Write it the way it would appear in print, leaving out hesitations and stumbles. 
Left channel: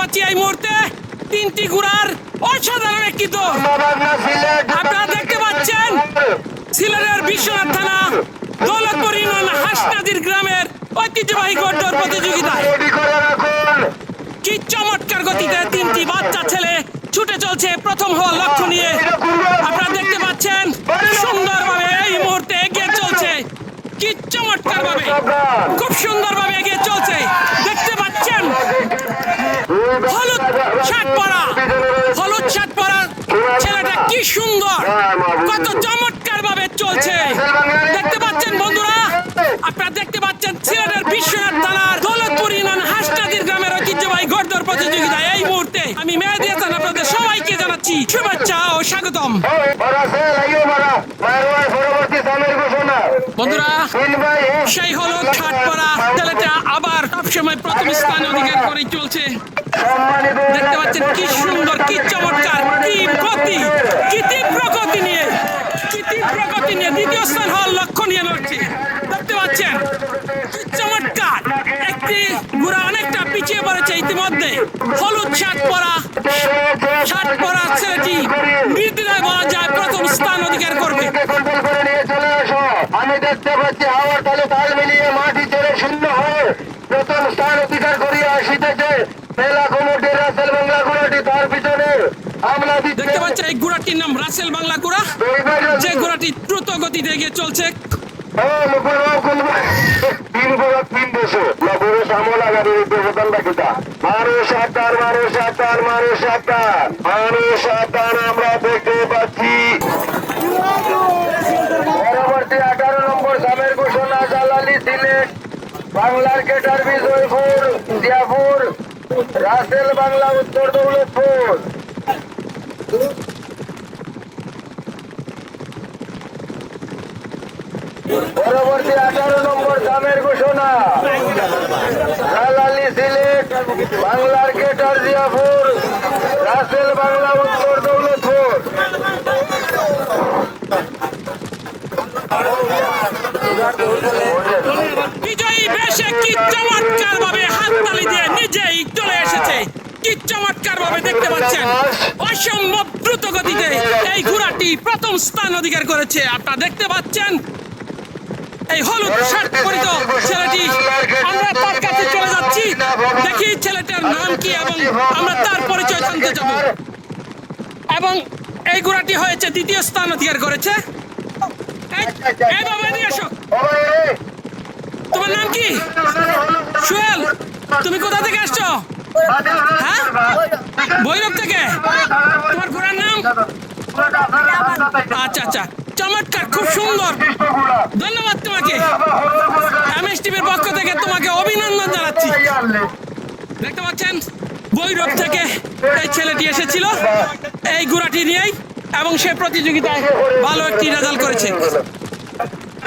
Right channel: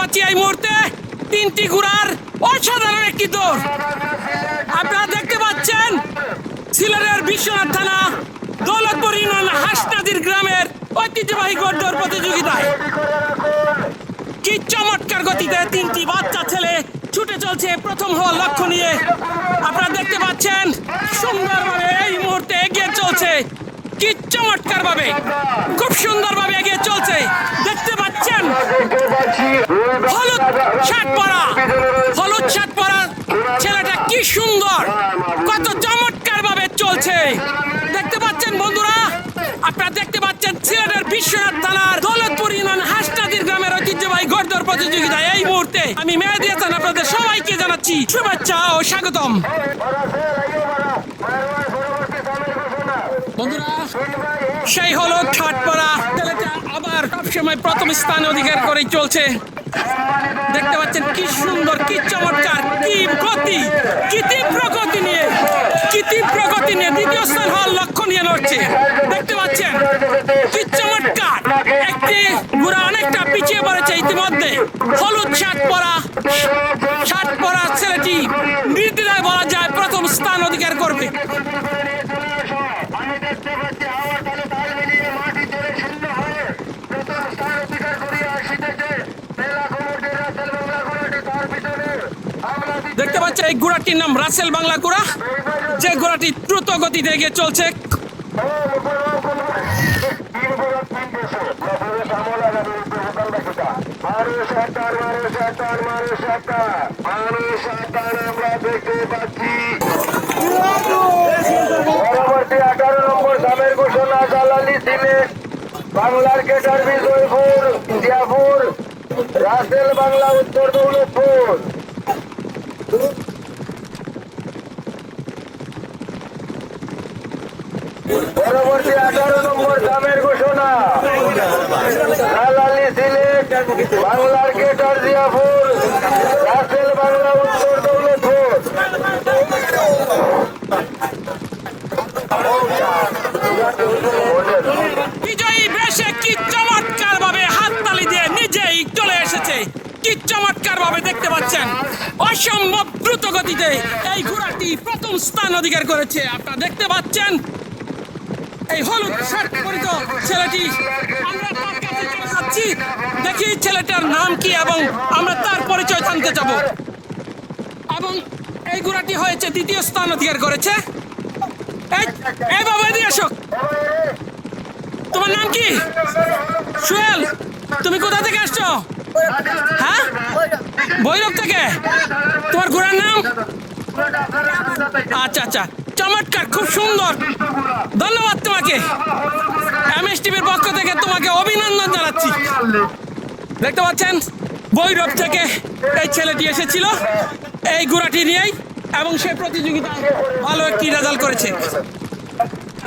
পাচ্ছি এই মুহূর্তে তিনটি ঘোড়ার অসাধারণ একটি দৌড়। আপনারা দেখতে পাচ্ছেন সিলেটের বিশ্বনাথ থানা দৌলতপুর ইউনিয়ন হাসনাদির গ্রামের ঐতিহ্যবাহী ঘোড়দৌড় প্রতিযোগিতায় কি চমৎকার গতিতে তিনটি বাচ্চা ছেলে ছুটে চলছে প্রথম হওয়ার লক্ষ্য নিয়ে। আপনারা দেখতে পাচ্ছেন সুন্দরভাবে এই মুহূর্তে এগিয়ে চলছে, কি চমৎকার ভাবে খুব সুন্দরভাবে এগিয়ে চলছে। দেখতে পাচ্ছেন হলুদ শার্ট পরা ছেলেটা কি সুন্দর, কত চমৎকার ভাবে চলছে। দেখতে পাচ্ছেন বন্ধুরা, আপনারা দেখতে পাচ্ছেন সিলেটের বিশ্বনাথ থানার দৌলতপুর ইউনিয়ন হাসনাদির গ্রামের ঐতিহ্যবাহী ঘোড়দৌড় প্রতিযোগিতায় এই মুহূর্তে আমি মেহেদী হাসান আপনাদের সবাইকে জানাচ্ছি শুভেচ্ছা ও স্বাগতম। বন্ধুরা, সেই হলুদ শার্ট পরা ছেলেটা আবার সবসময় প্রথম স্থান অধিকার করে চলছে। দেখতে পাচ্ছেন কি সুন্দর, কি চমৎকার, কি গতি, কি তীব্র গতি নিয়ে দ্বিতীয় স্থান হওয়ার লক্ষ্য নিয়ে লড়ছে। দেখতে পাচ্ছেন কি চমৎকার, একটি ঘোড়া অনেকটা পিছিয়ে পড়েছে ইতিমধ্যে। হলুদ শার্ট পরা ছেলেটি নির্দ্বিধায় বলা যায় প্রথম স্থান অধিকার করবে। আমি দেখতে পাচ্ছি হাওয়ার তালে তাল মিলিয়ে মাটি ছেড়ে শূন্য হয়ে প্রথম স্থান অধিকার করিয়া আসিতেছে মেলা কমিটির রাসেল বাংলা ঘোড়াটি, তার পিছনে আমরা দেখতে পাচ্ছেন এই ঘোড়াটির নাম রাসেল বাংলা ঘোড়া, যে ঘোড়াটি দ্রুত গতিতে এগিয়ে চলছে। আমরা দেখতে পাচ্ছি পরবর্তী 18 নম্বর সামের ঘোষণা জালালি সিলেট বাংলার কেটার বিজয়পুর জিয়াপুর রাসেল বাংলা উত্তর দৌলতপুর। পরবর্তী 18 নম্বর সামের ঘোষণা জালালি সিলেট বাংলার কেটার জিয়াপুর রাসেল বাংলা উত্তর দৌলতপুর। বিজয়ী বেশে কি চমৎকার ভাবে হাততালি দিয়ে নিজেই চলে এসেছে, কি চমৎকার ভাবে দেখতে পাচ্ছেন অসম্ভব দ্রুত গতিতে এই ঘোড়াটি প্রথম স্থান অধিকার করেছে। আপনারা দেখতে পাচ্ছেন এই হলুদ শার্ট পরিত ছেলেটি, আমরা তার কাছে চলে যাচ্ছি, দেখি ছেলেটার নাম কি এবং আমরা তার পরিচয় জানতে যাব। এবং এই ঘোড়াটি হয়েছে দ্বিতীয় স্থান অধিকার করেছে। এই বাবা, এদিকে এসো। তোমার নাম কি? সোহেল। তুমি কোথা থেকে আসছো? হ্যাঁ, ভৈরব থেকে। তোমার ঘোড়ার নাম? আচ্ছা আচ্ছা, চমৎকার, খুব সুন্দর, ধন্যবাদ তোমাকে। এমএস টিভির পক্ষ থেকে তোমাকে অভিনন্দন জানাচ্ছি। দেখতে পাচ্ছেন ভৈরব থেকে এই ছেলেটি এসেছিল এই ঘোড়াটি নিয়েই, এবং সে প্রতিযোগিতায় ভালো একটি রেজাল্ট করেছে।